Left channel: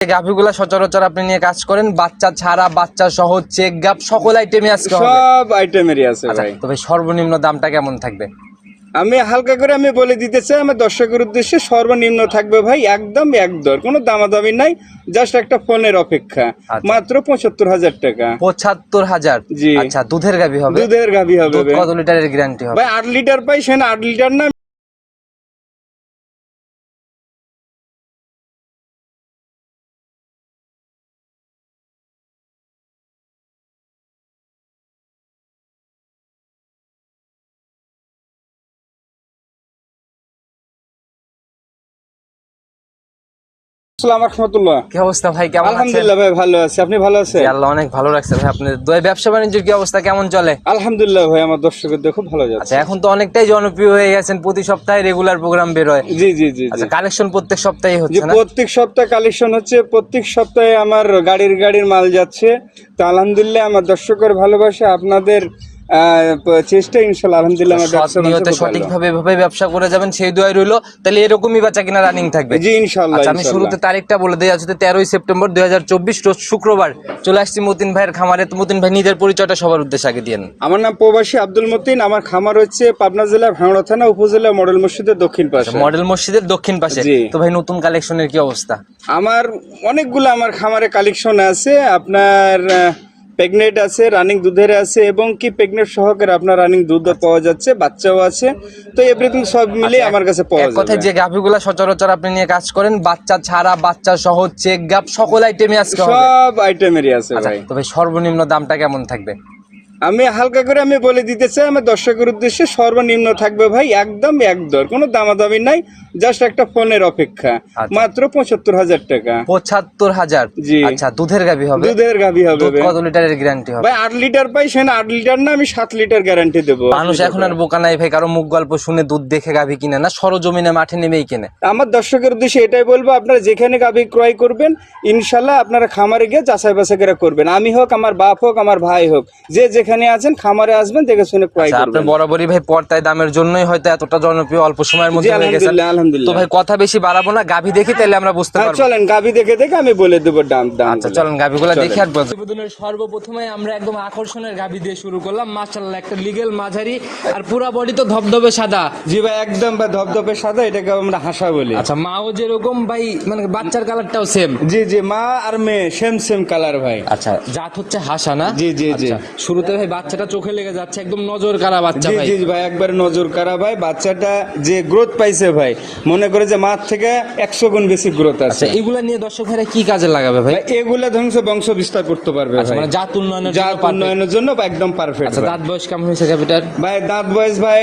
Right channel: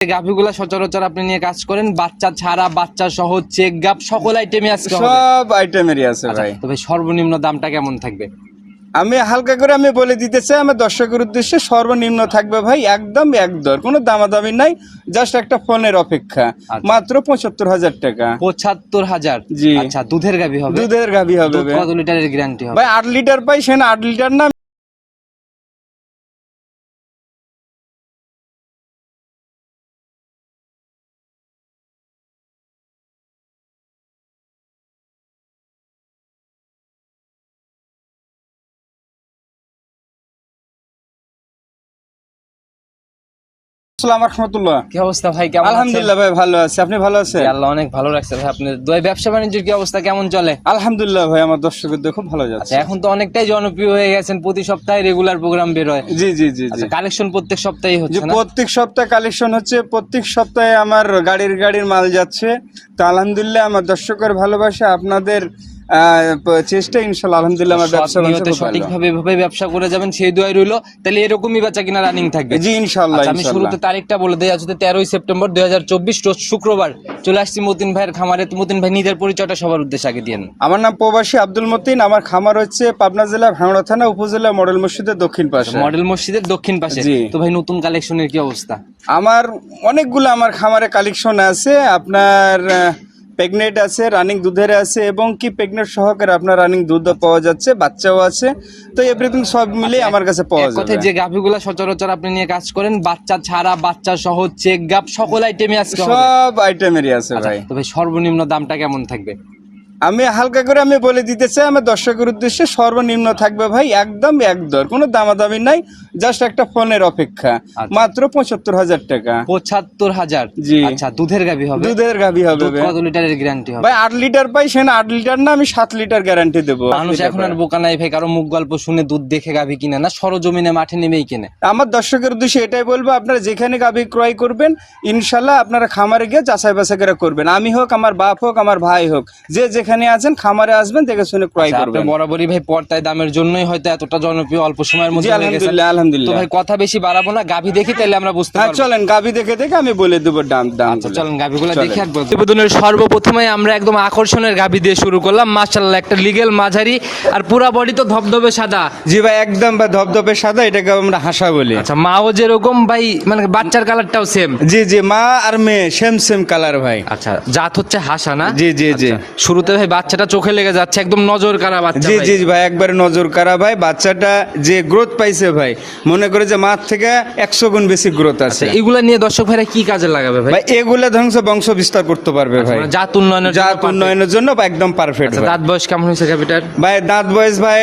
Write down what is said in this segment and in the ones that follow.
গাভিগুলা সচরাচর আপনি নিয়ে কাজ করেন। বাচ্চা ছাড়া বাচ্চা সহ চেক গাপ সকল আইটেমই আজকে হবে। সব আইটেমেরই আছে আচ্ছা ভাই। তবে সর্বনিম্ন দামটা কেমন থাকবে? আমি হালকা করে আমি বলে দিতে চাই আমার দর্শকের উদ্দেশ্যে সর্বনিম্ন থাকবে ভাই একদম এক দর। কোনো দামাদামি নাই জাস্ট একটা ফোনের অপেক্ষা। আচ্ছা। মাত্র পঁচাত্তর হাজার টাকা। পঁচাত্তর হাজার? জি। আচ্ছা দুধের গাভি হবে? দুধের গাভি হবে কত লিটারের গ্যারান্টি হবে? ভাই আট লিটার পাই সেখানে আট লিটার না কি অবস্থা ভাই? কেমন আছেন? আলহামদুলিল্লাহ ভাই ভালো আছে। আপনি ভালো আছেন? আল্লাহ অনেক ভালো রাখছে ভাই। ব্যবসা বাণিজ্যের কি অবস্থা? কেমন চলে? আলহামদুলিল্লাহ ভাই আমার খুব ভালো যাচ্ছে। আচ্ছা এখন তো অনেকটাই জনপ্রিয় হয়ে গেছেন। প্রতি সপ্তাহে রেগুলার প্রোগ্রাম বের হয়। জি জি জি আচ্ছা কালেকশন প্রত্যেক সপ্তাহে হচ্ছে না? প্রত্যেক সপ্তাহে কালেকশন হচ্ছে প্রত্যেক সপ্তাহে আমার গাড়ির গাড়ির মাল যাচ্ছে। তো আলহামদুলিল্লাহ আমার দর্শকের ভালোবাসা আপনাদের চেষ্টা ইনশাল্লাহ আলহামদুলিল্লাহ আমার নিয়তে। সঠিকভাবে এভাবে ব্যবসা করে যাবেন সেই দোয়াই রইল। তাহলে এরকমই বাচ্চা কিনা রানিং থাকবে। জি ইনশাল্লাহ আচ্ছা আমি শুরুতে তারিখটা বলে দিই আজকে তেরোই সেপ্টেম্বর দুই রোজ শুক্রবার চলে আসছি মতিন ভাইয়ের খামারে। তো মতিন ভাই নিজের পরিচয়টা সবার উদ্দেশ্যে আগে দিয়েন। আমার নাম প্রবাসী আব্দুল মতিন আমার খামার হচ্ছে পাবনা জেলা ভাঙড়া থানা উপজেলা মডেল মসজিদের দক্ষিণ পাশে। মডেল মসজিদের দক্ষিণ পাশে। তো ভাই নতুন কালেকশনের কি অবস্থা? আমার অনেকগুলো আমার খামারে কালেকশন আছে আপনার প্রেগনেট আছে রানিং দুধের আছে এবং কি প্রেগনেন্ট সহকারে আপনার রানিং দুধ পাওয়া যাচ্ছে বাচ্চাও আছে। তো এভরিথিং সব মিলে আমার কাছে পাওয়া যায় কথা যে গাভিগুলো সচরাচর আপনি নিয়ে কাজ করেন বাচ্চা ছাড়া বাচ্চা সহ চেক গাপ সকল আইটেমই আজকে হবে। সব আইটেমেরই আছে আচ্ছা ভাই। তবে সর্বনিম্ন দামটা কেমন থাকবে? আমি হালকা করে আমি বলে দিতে চাই আমার দর্শকের উদ্দেশ্যে সর্বনিম্ন থাকবে ভাই একদম এক দর কোনো দামাদামি নাই জাস্ট একটা ফোনের অপেক্ষা আচ্ছা। মাত্র পঁচাত্তর হাজার টাকা। পঁচাত্তর হাজার? জি। আচ্ছা দুধের গাভি হবে? দুধের গাভি হবে কত লিটারের গ্যারান্টি হবে? ভাই আট লিটার পাই সেখানে আট লিটার না আমি সাত লিটার গ্যারান্টি দেবো। মানুষ এখন আর বোকা নাই ভাই কারও মুখ গল্প শুনে দুধ দেখে গাভি কিনে না সরজমিনে মাঠে নেমেই কিনে। আমার দর্শকের উদ্দেশ্যে এটাই বলব আপনারা যেখানে গাভি ক্রয় করবেন ইনশাল্লাহ আপনারা খামারে গিয়ে যাচাই বাছাই করে করবেন। আমি হোক আমার বাপ হোক আমার ভাই হোক যে যেখানে আছেন খামারে আসবেন দেখে শুনে ক্রয় আচ্ছা আপনি বরাবরই ভাই পর্তায় দামের জন্যই হয়তো এতটা জনপ্রিয় অল্প সময়ের মধ্যে হয়ে গেছে আলহামদুলিল্লাহ তো ভাই কথা বেশি বাড়াবো না গাভি দেখি তাহলে আমরা বুঝতে হ্যাঁ, পারব। চলেন গাভি দেখে দেখে আমি বলে দেবো দাম দাম আচ্ছা চলেন গাভিগুলা দেখি আর প্রতিবেদনের সর্বপ্রথমে আমরা একদম আকর্ষণের গাভি দিয়ে শুরু করলাম। মাশাআল্লাহ একটা লিগেল মাঝারি আর পুরা বডি তো ধবধবে সাদা। জি ভাই একদম ভাই ধপধপে সাদা এটাকে আমরা হাসা বলি। আচ্ছা মাও যেরকম ভাই মানে বাচ্চার কালারটাও সেম জি জি মা আর মেয়ে সেম সেম কালার ভাই। আচ্ছা জাত হচ্ছে হাসা না? জি, জি, জি। আচ্ছা, শুরুতে ভাই বাচ্চাটা চোখে লেগে যাচ্ছে একদম নজর কারা বাচ্চা জি ভাই। জি ভাই একবারে নজর কারা ভাই। বাচ্চাটা যে গ্রোথ পাইছে ভাই মনে করে যে মার থেকে একশো গুণ বেশি গ্রোথ আচ্ছা আছে। এগুলা নিয়ে দর্শক ভাইরা কি কাজে লাগাবে ভাই? এগুলা ধ্বংস বংশ বিস্তার করতে পারবে আচ্ছা ভাই। মানে জাত উন্নয়নের জন্য জাত উন্নয়নের জন্য একদম পারফেক্ট আচ্ছা দাঁত বয়স কেমন হয়েছে গাভিটার ভাই দাঁত বয়স ভাই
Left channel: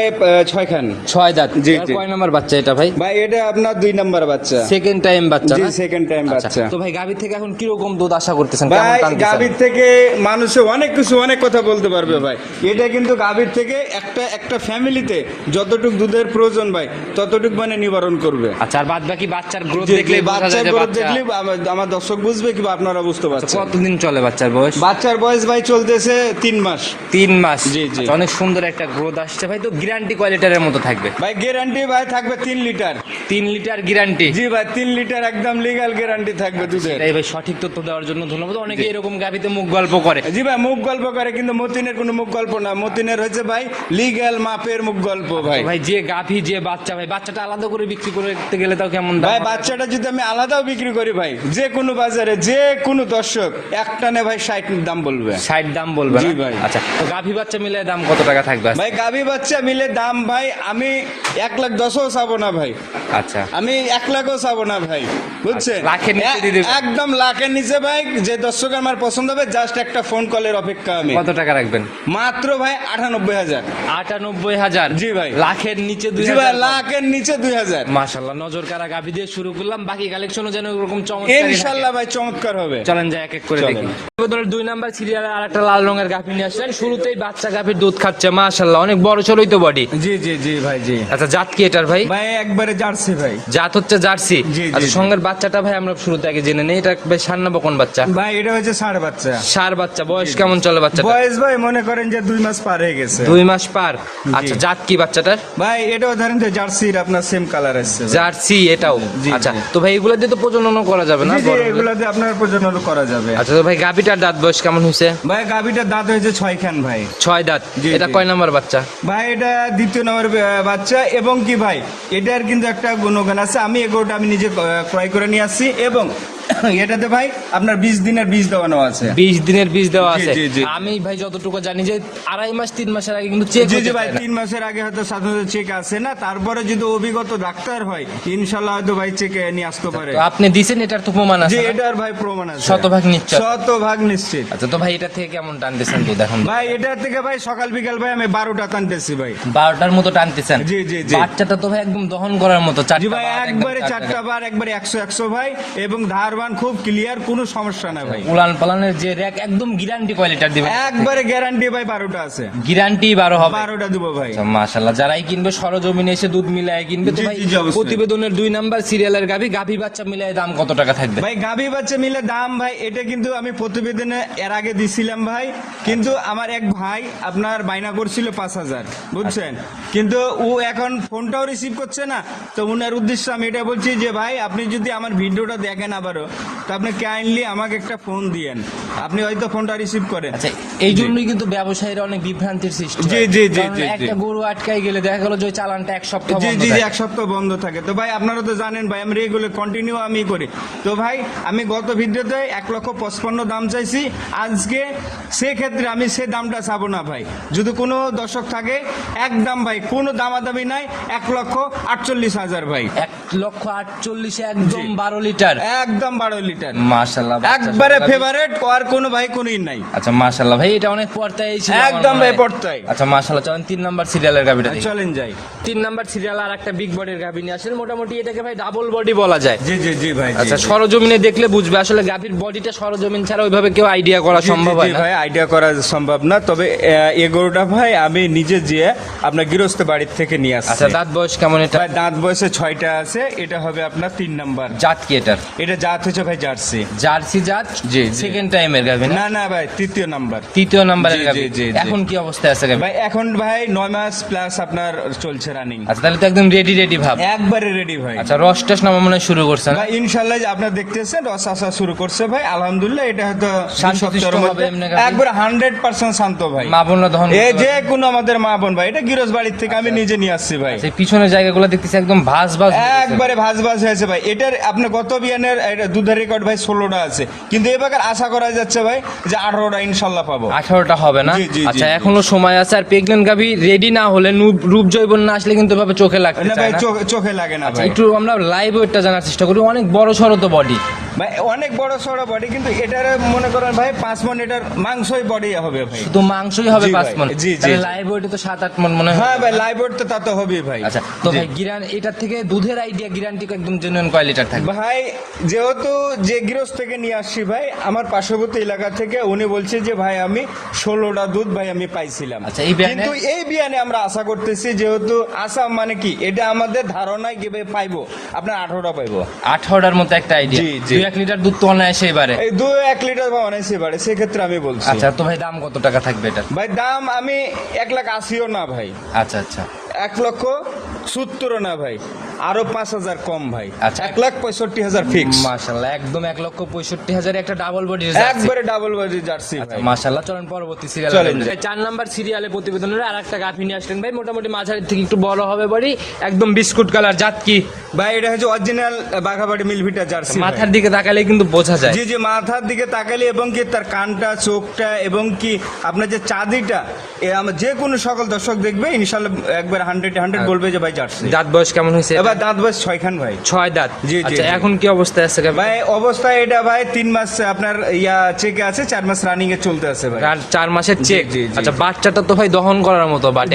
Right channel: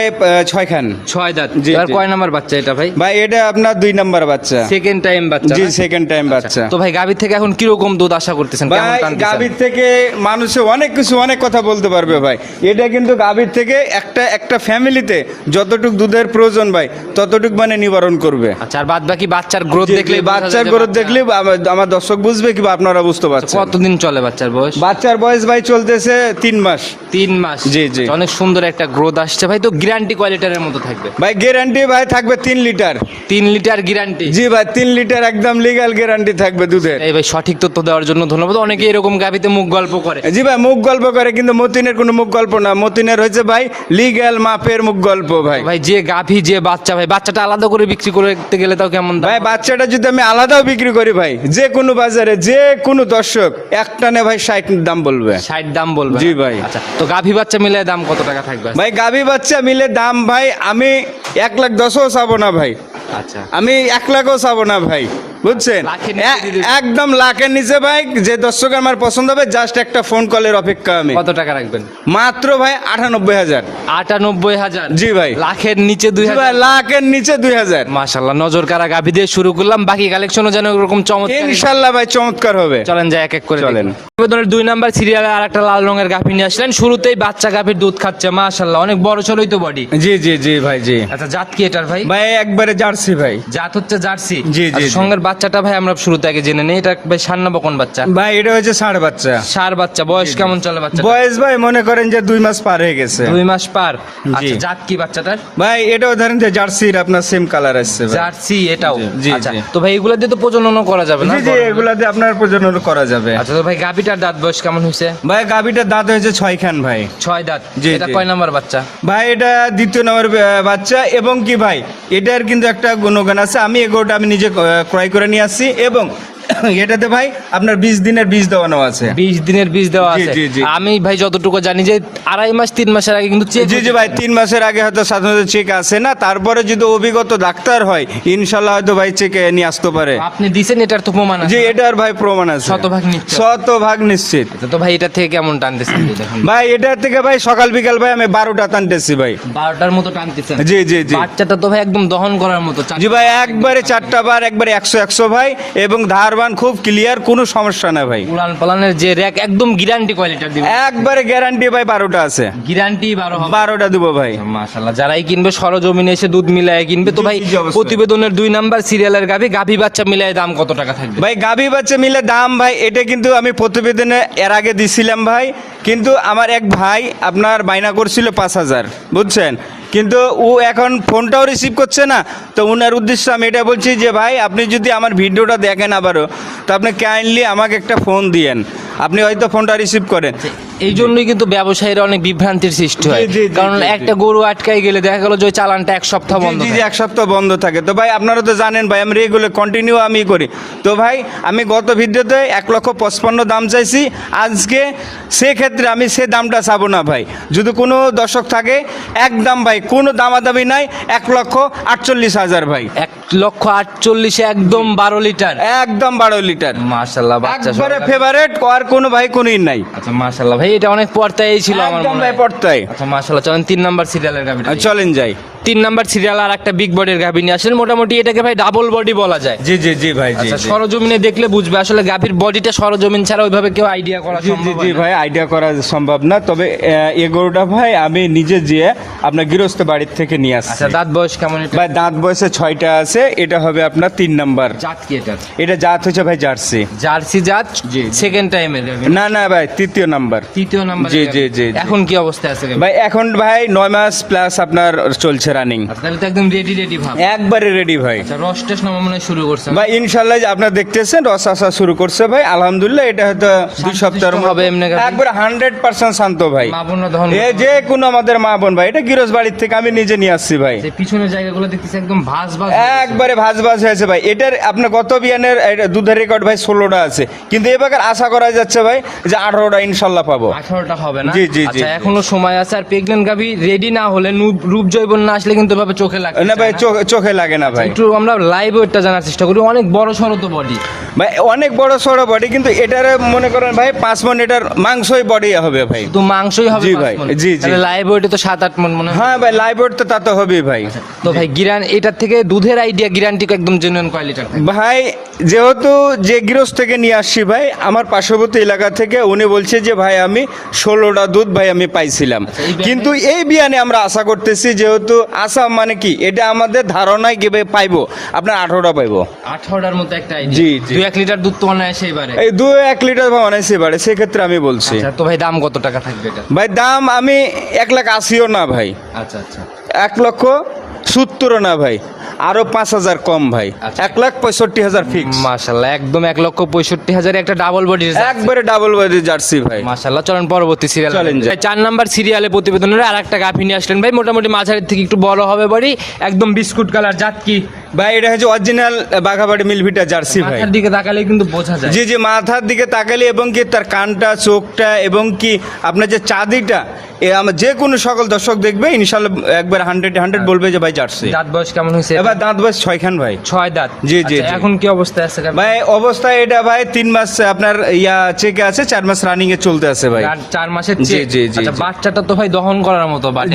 ছয় খান ছয় দাঁত। আর কয় নাম্বার বাচ্চা এটা ভাই? ভাই এটা আপনার দুই নাম্বার বাচ্চা। সেকেন্ড টাইম বাচ্চা জি সেকেন্ড টাইম বাচ্চা। তো ভাই গাভীর থেকে এখন কীরকম দুধ আশা করতেছেন? কেমন ভাই গাভীর থেকে মানুষে অনেক কিছু অনেক কথা বলতে পারবে ভাই। এটা কিন্তু গাভীর থেকে একটা একটা ফ্যামিলিতে যতটুক দুধের প্রয়োজন ভাই ততটুক মানে নিবারণ করবে। আচ্ছা আর বাদ বাকি বাচ্চার গ্রোথ দেখলে বাচ্চার গ্রোথ দেখলে আমার- দর্শক বুঝবে কি আপনারা বুঝতে পারছেন। কতদিন চলে বাচ্চার বয়স? বাচ্চার বয়স ভাই চলতেছে তিন মাস। তিন মাস। জি, জি। আচ্ছা, অনেক সুন্দর একটা গ্রোথ আসছে। ভাই তো গ্যারান্টি কোয়ালিটির মতো থাকবে। ভাই গ্যারান্টি ভাই থাকবে তিন লিটার। তিন লিটার গ্যারান্টি জি ভাই তিন লিটার একদম লিগ্যাল গ্যারান্টি থাকবে দুধের। এই ভাই সঠিক তথ্য দেওয়ার জন্য ধন্যবাদ। অনেকে এরকম গাভিতে মুখ গল্প করে। জি ভাই মুখ গল্প করে কিন্তু মতিনের কোনো মুখ গল্প না। মতিনের হয়েছে ভাই লিগ্যাল মাপের মুখ গল্প ভাই। ভাই যে গাভী যে বাচ্চা ভাই বাচ্চাটা আলাদা করে বিক্রি করতে গেলে তাও কেমন ভাই বাচ্চাটা যদি আমি আলাদাও বিক্রি করি ভাই যে কোনো বাজারে যে কোনো দর্শক একটানে ভাই ষাট দাম বলবে। ষাট দাম বলবে জি ভাই। আচ্ছা তো গাভী বাচ্চা মিলে দাম কত টাকা থাকবে? ভাই গাভী বাচ্চা মিলে দাম ভাই আমি এক লাখ দশও চাবো না ভাই। আচ্ছা। আমি এক লাখও চাবো না ভাই বুঝছেন। একদম লাখের নিচে ভাই যে দর্শক আমার পছন্দ হবে জাস্ট একটা ফোন কলের অপেক্ষা আমি। কত টাকা রাখবেন? মাত্র ভাই আটানব্বই হাজার। আটানব্বই হাজার? জি ভাই। লাখের নিচে দুই ভাই হাজার। লাখের নিচে দুই হাজার। মাশাল্লাহ নজর কারা গাভী দিয়ে শুরু করলাম বাকি কালেকশনও যেন এরকম চমৎকার ইনশাল্লাহ ভাই চমৎকার হবে। চলেন যাই এক এক করে চলেন। দুই নাম্বার সিরিয়ালে আর একটা লাল রঙের গাভী নিয়ে আসলেন। শুরুতেই বাচ্চা গাভীর দুধ খাচ্ছে মাশাল্লাহ অনেক বড় সড়ই তো বডি জি জি জি ভাই জি। আচ্ছা জাত কি এটার ভাই? ভাই একবারে জার্সি ভাই। জাত হচ্ছে জার্সি। আচ্ছা সঙ্গের বাচ্চাটা ভাই আমরা শুরুতে আগে জেনে নেই এটা ভাই সার না বকন বাচ্চা? ভাই এটা হচ্ছে ষাঁড় বাচ্চা। সার বাচ্চা বয়স কেমন চলে বাচ্চা বয়স ভাই মনে করেন যে দুই মাস পার হয়ে গেছে। দুই মাস পার। আচ্ছা জাত কি বাচ্চাটার ভাই এটাও ধরেন যে জার্সির আপনার সেম কালার আসছে জার্সি এটাও। আচ্ছা তো ভাই এগুলো দিয়ে তো প্রজননও করা যাবে না? এগুলা দিয়ে আপনার প্রজনন করা যাবে। আচ্ছা তো ভাই গাবিটার দাঁত বয়স কেমন হয়েছে? ভাই গাভিটার দাঁত হয়েছে ছয় খান ভাই। ছয় দাঁত। এটা কয় নাম্বার বাচ্চা? ভাই এটা দ্বিতীয় নম্বর বাচ্চা। এবং কি ভাই এটার কিন্তু একটা গুণগান আছে আমি এগারোটা আমি নিজে ক্রয় করে নিয়ে আসছি এবং এটাতে ভাই আপনার বিশ দিনের বীজ দেওয়ানো আছে। বিশ দিনের বীজ দেওয়া আছে। জি, জি। আমি ভাই যতটুকু জানি যে আড়াই মাস তিন মাসের আগে কিন্তু চেক জি জি ভাই তিন মাসের আগে হয়তো সাধারণত চেক আসে না। তারপরে যদি অভিজ্ঞত ডাক্তার হয় ইনশাল্লাহ হয়তো ভাই চেকে নিয়ে আসতে পারে। আপনি দিছেন এটার তো প্রমাণ আছে জি এটার ভাই প্রমাণ আছে। শতভাগ নিশ্চয়। শতভাগ নিশ্চিত। আচ্ছা তো ভাই এটা থেকে কেমন টানতেছেন দেখুন। ভাই এটার থেকে ভাই সকাল বিকাল ভাই আমি বারোটা টানতেছি ভাই। বারোটার মতো টানতেছেন? জি জি জি। বাচ্চাটা তো ভাই একদম দহন করার মতো জি ভাই একবারে চারটা বার একবারে একশো একশো ভাই এবং ধারবান খুব ক্লিয়ার কোনো সমস্যা না ভাই। উলান পালানের যে র্যাক একদম গ্যারান্টি কোয়ালিটির দিবে একবারে গ্যারান্টি ভাই বারোটা আছে। গ্যারান্টি বারো হবে। বারোটা দিব ভাই। মাশাল্লাহ যারাই কিনবে সরজমিনে এসে দুধ মিলায় কিনবে। তো ভাই। প্রতিবেদনের দুই নাম্বার সিরিয়ালের গাভি গাভি বাচ্চা মিলায় দাম কত টাকা থাকবে? ভাই গাভী বাচ্চা মিলে দাম ভাই এটা কিন্তু আমি প্রতিবেদনে এর আগে দিছিলাম ভাই। কিন্তু আমার এক ভাই আপনার বাইনা করছিল পাঁচ হাজার বুঝছেন? কিন্তু ও এখন ফোনটাও রিসিভ করছে না। তো ওনার উদ্দেশ্যে আমি এটা বলছি যে, ভাই, আপনি যদি আমার ভিডিওটা দেখেন আবারও, তো আপনি কাইন্ডলি আমাকে একটা ফোন দিয়েন। আপনি হয়তো ফোনটা রিসিভ করেন। এই জন্যই কিন্তু ব্যবসায়ীরা অনেক বিভ্রান্তির সৃষ্টি হয়। কারণ। একটা গরু আটকাই গেলে দেখা গেল যে চালানটা এক সপ্তাহ বন্ধ থাকে। এক সপ্তাহ বন্ধ থাকে। তো ভাই আপনারা তো জানেন ভাই আমি রেগুলার কন্টিনিউ আমি করি। তো ভাই আমি গত ভিডিওতে এক লক্ষ পঁচপান্ন দাম চাইছি। আজকে সেক্ষেত্রে আমি সে দামটা চাবো না ভাই। যদি কোনো দর্শক থাকে একদম ভাই কোনো দামাদামি নাই এক লক্ষ আটচল্লিশ হাজার ভাই। এক লক্ষ আটচল্লিশে একদম বারো লিটার। একদম বারো লিটার। মার্শাল্লাহ একবারে ফেভারেট আর কোনো ভাই কোনোই নাই। আচ্ছা মার্শাল্লাহ ভাই এটা অনেক পর্তায় ছিল একদম ভাই। পড়তাই আচ্ছা মার্শাল্লাহ চলেন তিন নাম্বার সিরিয়ালের দেখি। চলেন যাই। তিন নাম্বার সিরিয়াল আর একটা বিগ বডির গাভি নিয়ে আসেন। মোটামুটি এটাকে ভাই ডাবল বডি বলা যায়। জি জি জি ভাই আচ্ছা। সরজমিনে দেখলে বুঝবে আসলে গাভীর বডিটা সরজমিন ছাড়া ওইভাবে কেউ আইডিয়া করা সম্ভব না। ভাই আইডিয়া করা সম্ভব না। তবে আহ, এই গরুটা ভাই আমি নিজে যেয়ে আপনার গৃহস্থ বাড়ির থেকে নিয়ে আসছি। আচ্ছা দাঁত বয়স কেমন এটা? ভাই দাঁত বয়সে ছয়টা আছে। এটা হবে আপনার তিন নাম্বার। জাত কি এটার? এটা জাত হচ্ছে ভাই জার্সি। জার্সি জাত। সেকেন্ড গাভি না না ভাই তৃতীয় নাম্বার। তৃতীয় নাম্বার জি, জি, জি। এখন কি অবস্থায় আছে ভাই এখন ভাই নয় মাস প্লাস আপনার চলছে রানিং আচ্ছা তাহলে তো একদম রেডি রেডি ভাব। একবারে রেডি ভাই। আচ্ছা রস টস নামা মনে শুরু করছেন। ভাই ইনশাল্লাহ যে আপনার দেখতেছেন রস আসা শুরু করছে ভাই আলহামদুলিল্লাহ এটা হয়তো দুই সপ্তাহের মধ্যে? একবার হান্ড্রেড পার্সেন্ট শান্ত ভাই। মা বোনরা দহন এ যে। কোনো আমাদের মা বোন ভাই এটা গিরস বাড়ির থেকে আমি নিজে নিয়ে আসছি ভাই। যে পিছনের জায়গাগুলো দেখতেছি একদম ভাস ভাস একবারে ভাজ ভাজ হয়েছে ভাই। এটার আপনার গত বিয়ানের দুধের রেকর্ড ভাই ষোলোটা আছে। কিন্তু এবার আশা করা যাচ্ছে ভাই যে আঠারোটা ইনশাল্লাহ পাবো। আঠারোটা হবে না? জি, জি, জি, আচ্ছা এখনও সময় আছে। আর প্রেগনেন্ট গাভি রেডি না হলে রূপ জৈবন না আসলে কিন্তু ভাবে চোখে লাগে না ভাই চোখে চোখে লাগে না ভাই। একটু আমরা লাইভ ওয়েটটা জানার চেষ্টা করি। অনেক বড় সড়ো তো বডি ভাই অনেক বড় সড়ো বডি কিন্তু এটার মনে করেন ভাই পাঁচ মন এটার মাংসই বডি হবে ভাই। তো মাংসই হবে জি ভাই, জি, জি। লাইভ ওয়েটে তো সাত আট মন মনে হয়। হ্যাঁ ভাই লাইভ তো তা তো হবেই ভাই। আচ্ছা তো ভাই গিরান এটার থেকে দুধের আইডিয়া গ্যারান্টি একদম জেনুইন কোয়ালিটির ভাই যেহেতু যে গৃহস্থ থেকে নিয়ে আসছি ভাই আমার পার্শ্ববর্তী এলাকা থেকে উনি বলছে যে ভাই আমি ষোলোটা দুধ ভাই আমি পাইছিলাম। আচ্ছা? কিন্তু এই বিয়ানে আমরা আশা করতেছি যেহেতু আশা মানে কি এটা আমাদের ধারণায় গেবে পাইবো? আপনার আঠারোটা পাইবো। আঠারোটার মতো একটা আইডিয়া জি, জি। এক লিটার দুধ তো অনায়াসে এবারে এই দু এক লিটার বা অনাইছে বাড়ে সেক্ষেত্রে আমি বলছি। আচ্ছা তো ভাই দাম কত টাকা থাকবে এটা? ভাই দাম আমি এক লাখ আশিও না ভাই। আচ্ছা আচ্ছা। এক লক্ষ সত্তরও না ভাই আরও পাঁচ হাজার কম ভাই। আচ্ছা। এক লাখ পঁয়ষট্টি হাজার ফিক্স মাশাল্লাহ একদম এক লক্ষ পঁয়ষট্টি হাজার একটা ডাবল বডির একবারে ডাবল বডি জার্সি ভাই। মাশাল্লাহ চলেন পরবর্তী সিরিয়াল চার নাম্বার সিরিয়ালে প্রতিবেদনের আর একটা গাভি নিয়ে আসলেন ভাই মোটামুটি মাঝারি থেকে একটু বড় হবে বাড়ি একদম বিস্কুট কালার জাত কি ভাই এটা হচ্ছে অরিজিনাল বাঘাবাড়ি মিলভিটা জার্সি মাথার দিকে তাকালে কিন্তু বোঝা যায়। জি জি মাথার দিকে তাকালে এবং কি তার কানটা চোখটা এবং কি আপনার যে চাঁদিটা এ আমার যে কোনো সকল দর্শক দেখবে ইনশাল্লাহ একবার হান্ড্রেড হান্ড্রেড বলবে যে ভাই জার্সি। দাঁত বয়স কেমন হয়েছে এবার দাঁত বয়স ছয়খান ভাই। ছয় দাঁত? জি, জি, আচ্ছা, এখন কি অবস্থায় আছে ভাই অবস্থা এটা ভাই তিন মাস আপনার ইয়া চেকে আছে চার মাস রানিং এ চলতে আছে ভাই। আর চার মাসের চেক জি, জি, আচ্ছা বাচ্চাটা তো ভাই দহন করার মতো বাট।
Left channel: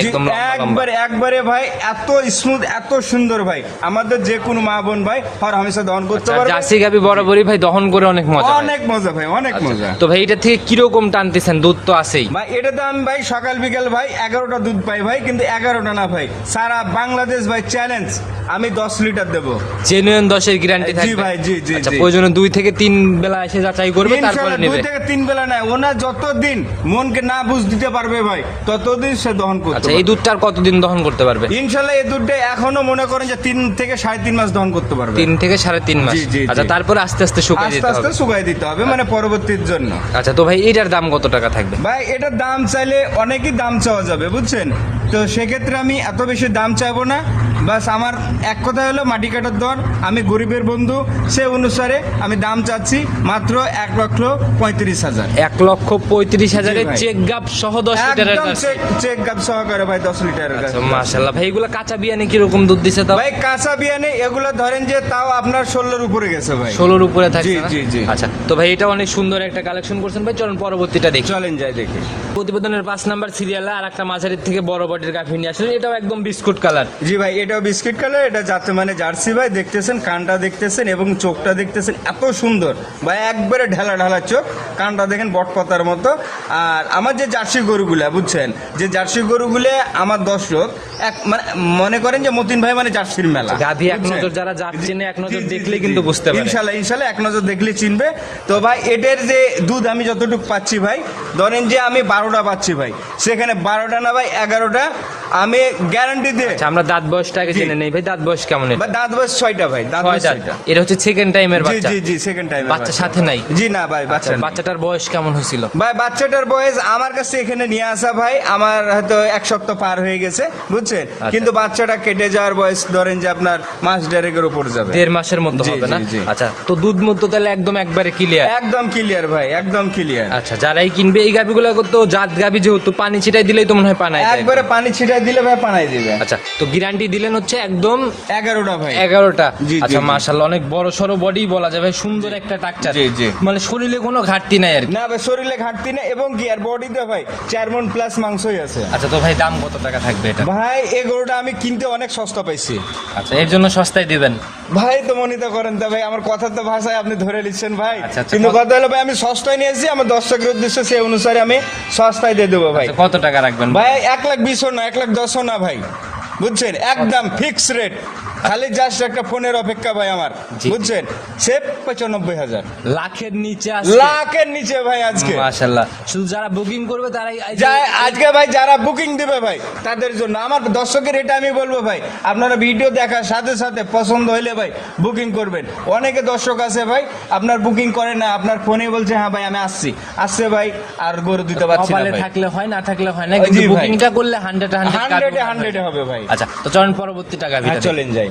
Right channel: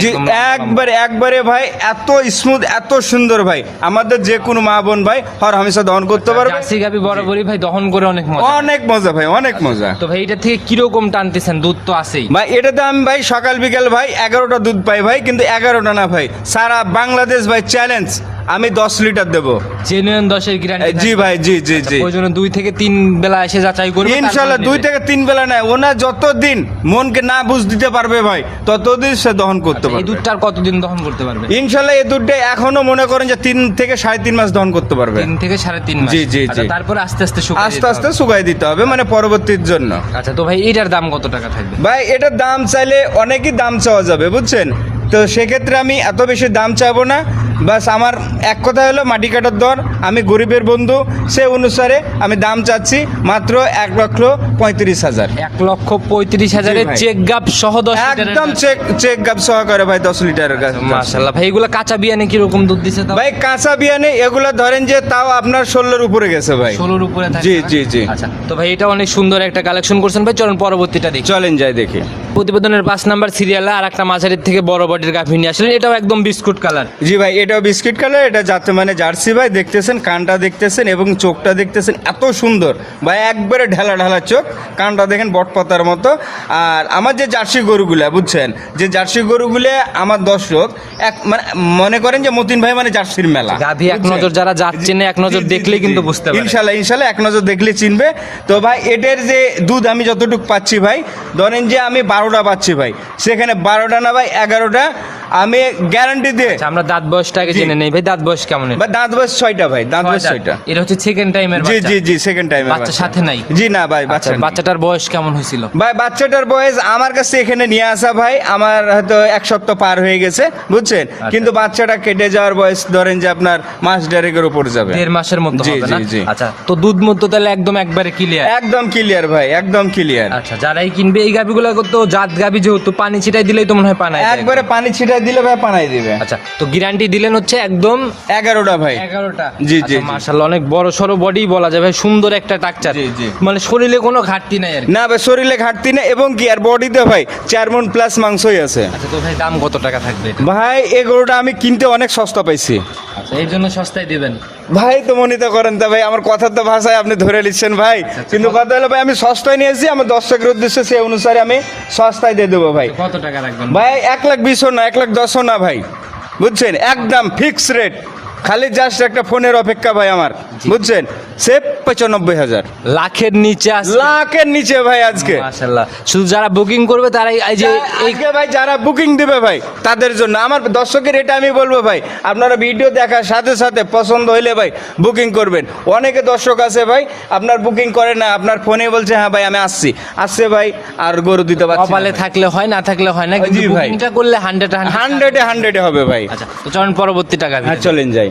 একবারে একবারে ভাই এত স্মুথ এত সুন্দর ভাই। আমাদের যে কোনো মা বোন ভাই হর হামেশা দহন করতে পারবে। জার্সি গাবি বরাবরই ভাই দহন করে অনেক মজা। অনেক মজা ভাই অনেক মজা। তো ভাই এটা থেকে কীরকম টানতেছেন? দুধ তো আছেই। ভাই এটাতে আমি ভাই সকাল বিকাল ভাই এগারোটা দুধ পাই ভাই কিন্তু এগারোটা না ভাই। সারা বাংলাদেশ ভাই চ্যালেঞ্জ আমি দশ লিটার দেবো। জেনুইন দশের গ্যারান্টি জি ভাই জি জি জি। প্রয়োজনে দুই থেকে তিন বেলা এসে যাচাই করবে ইনশাল্লাহ দুই থেকে তিন বেলা নাই ওনা যতদিন মনকে না বুঝ দিতে পারবে ভাই ততদিন সে দহন করতে আচ্ছা এই পারবে। দুধটার কতদিন দহন করতে পারবে? ইনশাল্লাহ এই দুধটা এখনও মনে করেন যে তিন থেকে সাড়ে তিন মাস দহন করতে পারবে। তিন থেকে সাড়ে তিন মাস। জি, জি, আচ্ছা তারপর আস্তে আস্তে শুকাই আস্তে আস্তে। শুকাই দিতে হবে মানে পরবর্তীর জন্য। আচ্ছা তো ভাই এটার দাম কত টাকা থাকবে? ভাই এটার দাম চাইলে অনেকই দাম চাওয়া যাবে বুঝছেন? তো সেক্ষেত্রে আমি এত বেশি দাম চাইব না। বাস আমার এক কথা হলো মাটি কাটার দর। আমি গরিবের বন্ধু সে অনুসারে আমি দাম চাচ্ছি মাত্র এক লক্ষ পঁয়ত্রিশ হাজার। এক লক্ষ পঁয়ত্রিশ হাজারের চেক গাপ সহ দশ একদম চেক চেক গাপ সহকারে ভাই দশ লিটারের কাছে মাশাল্লাহ ভাই এগুলো কাঁচা বিয়ানে কীরকম দুধ দিছে ভাই কাঁচা বিয়ানে এগুলো ধরেন যে তাও আপনার ষোলোর উপরে গেছে ভাই। ষোলোর উপরে থাকে জি, জি, জি। আচ্ছা তো ভাই এটা অনেক সুন্দর একটা কালেকশন করছেন। ভাই চলুন পরবর্তীটা দেখি। চলেন যাই দেখি। প্রতিবেদনের পাঁচ নাম্বার সিরিয়ালে আর একটা মাঝারির থেকে বড় বডির গাভী নিয়ে আসলেন এটাও একদম বিস্কুট কালার। জি ভাই এটাও বিস্কিট কালার এটা যাতে মানে জার্সি ভাই দেখতেছেন কানটা দেখতেছেন এবং চোখটা দেখতেছেন এত সুন্দর। ভাই একবারে ঢালা ঢালা চোখ কানটা দেখেন বটপাতার মতো। আর আমার যে জার্সি গরুগুলা বুঝছেন? যে জার্সি গরুগুলো আমার দর্শক এক মানে মনে করেন যে মতিন ভাই মানে জার্সির মেলা। গাভী এক নজর যারা যাচ্ছে না এক নজর দেখলেই কিন্তু। বুঝতে পারে। ইনশাল্লাহ ইনশাল্লাহ এক নজর দেখলে চিনবে। তো ভাই এটার যে দুধ আমি যতটুকু পাচ্ছি ভাই ধরেন যে আমি বারোটা পাচ্ছি ভাই সেখানে বারোটা না ভাই এগারোটা Yes. আমি গ্যারান্টি দিয়ে। আচ্ছা আমরা দাঁত বয়সটাকে। জেনে নেই। ভাই দাঁত বয়স কেমন এটা? দাঁত বয়স ছয়টা ভাই দাঁত বয়স ছয়টা। এটা হচ্ছে সেকেন্ড টাইমের বাচ্চা। জি জি সেকেন্ড টাইম বাচ্চা সাথে নাই? জি না ভাই আচ্ছা বাচ্চা বাচ্চাটার বয়স কেমন হয়েছিল? ভাই বাচ্চাটার বয়স আমার কাছে এখানে নিয়ে আসা ভাই আমার হয়তো এক সপ্তাহ পার হয়ে গেছে বুঝছেন? আচ্ছা। কিন্তু বাচ্চাটা কেটে যাওয়ার বয়স ধরেন যে আপনার মাস দেড়েকের উপর যাবে। দেড় মাসের মতো হবে না। আচ্ছা তো দুধ মতো তাহলে একদম একবারে ক্লিয়ার একদম ক্লিয়ার ভাই একদম ক্লিয়ার আচ্ছা যারাই কিনবে এই গাভিগুলো তো জাত গাভি যেহেতু পানি ছিটাই দিলেই তো মনে হয় পানায় একবারে পানি ছিটাই দিলে ভাই পানাই দিবে। আচ্ছা তো গ্যারান্টি দিলেন হচ্ছে একদম এগারোটা ভাই। এগারোটা? জি, জি, আচ্ছা জি। অনেক বড় সড়ো বডি বলা যায় ভাই সুন্দর একটা টাকচার। মানে শরীরে কোনো ঘাটতি নাই আর না ভাই শরীরে ঘাটতি নেই এবং কি আর বডিতে ভাই চার মন প্লাস মাংসই আছে। আচ্ছা তো ভাই দাম কত টাকা থাকবে ভাই এই গরুটা আমি কিনতে অনেক সস্তা পাইছি। আচ্ছা এর জন্য সস্তায় দিবেন। ভাই তো মনিত করেন তা ভাই আমার কথার তো ভাষায় আপনি ধরে নিচ্ছেন ভাই। আচ্ছা, কিন্তু কথা হলো ভাই আমি সস্তায় নিয়েছি আমার দর্শকের উদ্দেশ্যে সেই অনুসারে আমি সস্তায় দিয়ে দেবো ভাই। আচ্ছা, কত টাকা রাখবেন? ভাই এক লাখ বিশও না এক লাখ দশও না ভাই। বুঝছেন? একদম ফিক্স রেট খালি জাস্ট একটা ফোনের অপেক্ষা ভাই আমার বুঝছেন? সে পঁচানব্বই হাজার। লাখের নিচে আছে লাখের নিচে ভাই আজকে। মাশাল্লাহ শুধু যারা বুকিং করবে তারাই এই যে আজকে ভাই যারা বুকিং দিবে ভাই তাদের জন্য। আমার দর্শকের এটা আমি বলব ভাই আপনারা ভিডিও দেখার সাথে সাথে পছন্দ হইলে ভাই বুকিং করবেন। অনেকে দর্শক আছে ভাই আপনার বুকিং করে না আপনার ফোনে বলছে হ্যাঁ ভাই আমি আসছি। আসছে ভাই আর গরু দিতে পারছি কপালে থাকলে হয় না থাকলে হয় না কিন্তু। বুকিংটা করলে হান্ড্রেড হান্ড্রেডে হান্ড্রেডে হবে ভাই। আচ্ছা তো চলুন পরবর্তী টাকা হ্যাঁ চলেন যাই।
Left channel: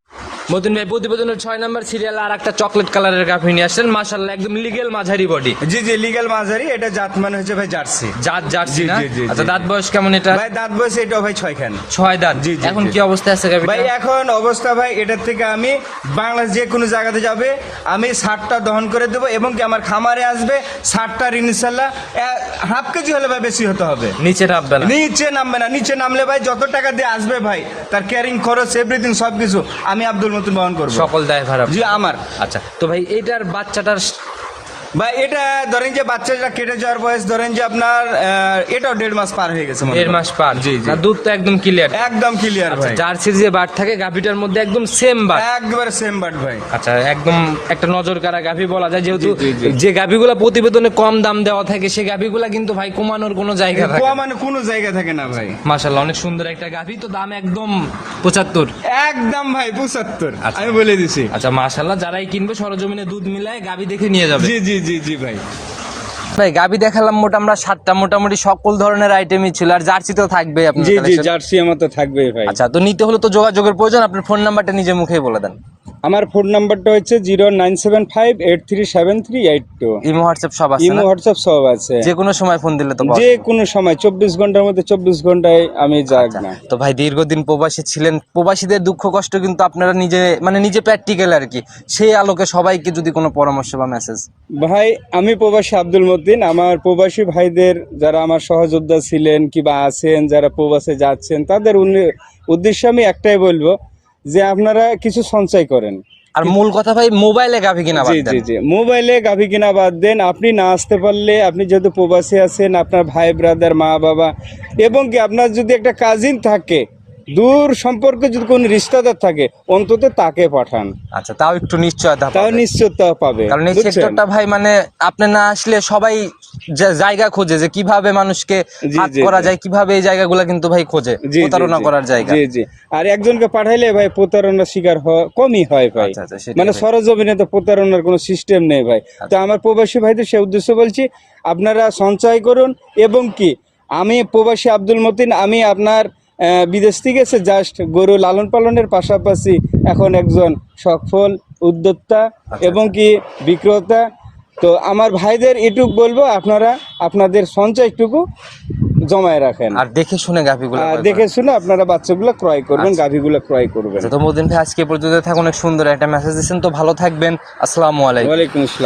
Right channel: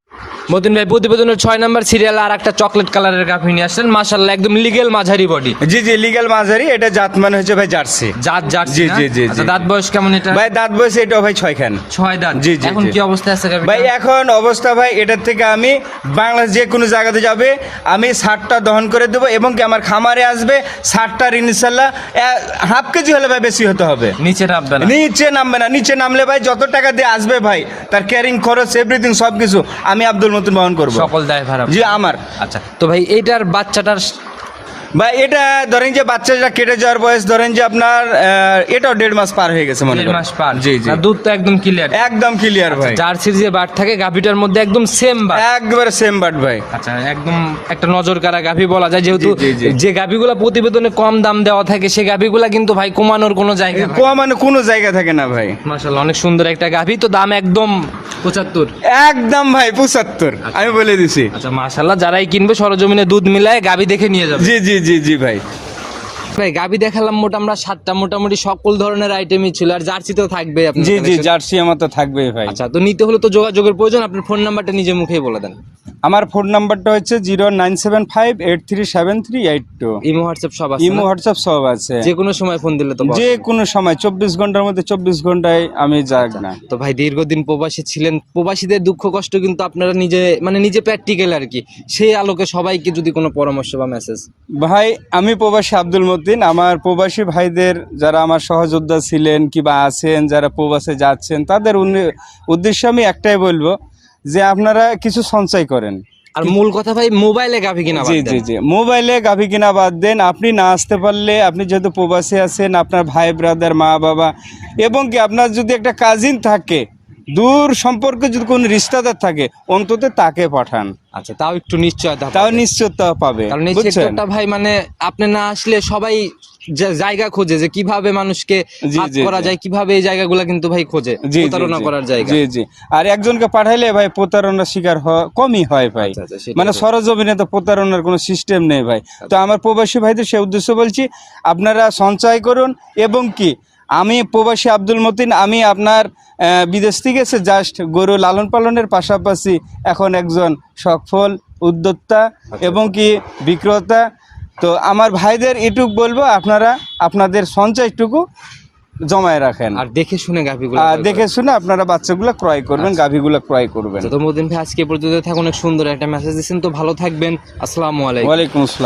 মতিন ভাই প্রতিবেদনের ছয় নম্বর সিরিয়াল আর একটা চকলেট কালারের গাভি নিয়ে আসলেন। মাশাল্লাহ একদম লিগেল মাঝারি বডি জি জি লিগ্যাল মাঝারি এটা জাত মানে হচ্ছে ভাই জার্সি। জাত জার্সি জি, জি, আচ্ছা দাঁত বয়স কেমন এটা? ভাই দাঁত বয়সে এটা ভাই ছয়খান। ছয় দাঁত। জি, জি, এখন। কি অবস্থায় আছে গাভিটা ভাই এখন অবস্থা ভাই এটার থেকে আমি বাংলাদেশ যে কোনো জায়গাতে যাবে আমি ষাটটা দহন করে দেবো এবং কি আমার খামারে আসবে ষাটটার ইনশাল্লাহ হাফ কেজি হলে ভাই বেশি হতে হবে। নিচে নামবে না? নিচে নামবে না নিচে নামলে ভাই যত টাকা দিয়ে আসবে ভাই তার ক্যারিং খরচ এভরিথিং সব কিছু আমি আব্দুল মতুন বহন করব। সকল দায় ভাড়া জি আমার। আচ্ছা তো ভাই এইটার বাচ্চাটার ভাই এটা ধরেন যে বাচ্চাটা কেটে যাওয়ার বয়স ধরেন যে আপনার এটাও দেড় মাস পার হয়ে গেছে দেড় মাস পার। জি জি। দুধ তো একদম ক্লিয়ার একদম ক্লিয়ার ভাই। জার্সির যে বাট থাকে গাভিটার মধ্যে একদম সেম বাট। একবারে সেম বাট ভাই। আচ্ছা একদম একটা নজর কারা গাভি বলা যায় যেহেতু। যে গাভিগুলা প্রতিবেদনে কম দাম দেওয়া থাকে সেই গাভিগুলা কিন্তু ভাই কমানোর কোনো জায়গা মানে কোনো জায়গা থাকে না ভাই। মাশাল্লাহ অনেক সুন্দর একটা গাভি তো দাম একদম পঁচাত্তর। একদম ভাই পঁচাত্তর। আমি বলে দিছি। আচ্ছা মাশাল্লাহ যারাই কিনবে সরজমিনে দুধ মিলায় গাভি দেখে নিয়ে যাবে। জি জি জি জি ভাই। ভাই গাবি দেখালাম মোটা আমরা সাতটা। মোটামুটি সকল ধরনের আইটেমই ছিল। আর জার্সি তো থাকবে আপনার জি জি জার্সি আমার তো থাকবে ভাই। আচ্ছা তো নিতে হলে তো যোগাযোগের প্রয়োজন। আপনার ফোন নাম্বারটা নিজে মুখেই বলে দেন। আমার ফোন নাম্বারটা হচ্ছে zero nine seven five eight three seven three eight two. Imo WhatsApp সব আছে ইমো হোয়াটসঅ্যাপ সব আছে। যে কোনো সময় ফোন দিলে তো যে কোনো সময় চব্বিশ ঘণ্টার মধ্যে চব্বিশ ঘন্টায় আমি যাক আচ্ছা, না। তো ভাই দীর্ঘদিন প্রবাসী ছিলেন প্রবাসীদের দুঃখ কষ্ট কিন্তু আপনারা নিজে মানে নিজে প্র্যাকটিক্যাল আর কি। সেই আলোকে সবাইকে যদি কোনো পরামর্শ বা মেসেজ ভাই আমি প্রবাসী আব্দুল মতিন। আমার প্রবাসী ভাইদের যারা আমার সহযোদ্ধা ছিলেন কিংবা আছেন যারা প্রবাসে যাচ্ছেন তাদের উদ্দেশ্যে আমি একটাই বলব যে আপনারা কিছু সঞ্চয় করেন। আর মূল কথা ভাই মোবাইলে গাভী কিনা বাদ জি দেন। জি জি মোবাইলে গাভী কিনা বাদ দেন। আপনি না আসতে পারলে আপনি যেহেতু প্রবাসী আছেন আপনার ভাই ব্রাদার মা বাবা এবং কি আপনার যদি একটা কাজিন থাকে দূর সম্পর্কে যদি কোনো রিস্তাদার থাকে অন্তত তাকে পাঠান। আচ্ছা তাও একটু নিশ্চয়তা তাও। নিশ্চয়তা পাবে কারণ এই সেক্টরটা ভাই মানে আপনি না আসলে সবাই জায়গা খোঁজে যে কীভাবে মানুষকে হাত করা যায় কীভাবে এই জায়গাগুলো কিন্তু ভাই খোঁজে প্রতারণা করার জায়গা। জি জি। আর একজনকে পাঠাইলে ভাই প্রতারণার শিকার কমই হয় ভাই। আচ্ছা আচ্ছা মানে। সরজমিনে তো প্রতারণার কোনো সিস্টেম নেই ভাই। তো আমার প্রবাসী ভাইদের সে উদ্দেশ্য বলছি আপনারা সঞ্চয় করুন এবং কি? আমি প্রবাসী আব্দুল মতিন আমি আপনার বিদেশ থেকে এসে জাস্ট গরু লালন পালনের পাশাপাশি এখন একজন সফল উদ্যোক্তা আচ্ছা, এবং কি বিক্রেতা। তো আমার ভাইদের এটুক বলব আপনারা আপনাদের সঞ্চয়টুকু জমায় রাখেন। আর দেখে শুনে গাভীগুলো আর দেখে শুনে আপনারা বাচ্চাগুলো ক্রয় করবেন আচ্ছা। গাভীগুলো ক্রয় করবেন। আচ্ছা তো মোদিন ভাই আজকে পর্যন্ত থাকুন অনেক সুন্দর একটা মেসেজ দিচ্ছেন। তো ভালো থাকবেন আসসালামু আলাইকুম। ওয়ালাইকুম আসসালাম।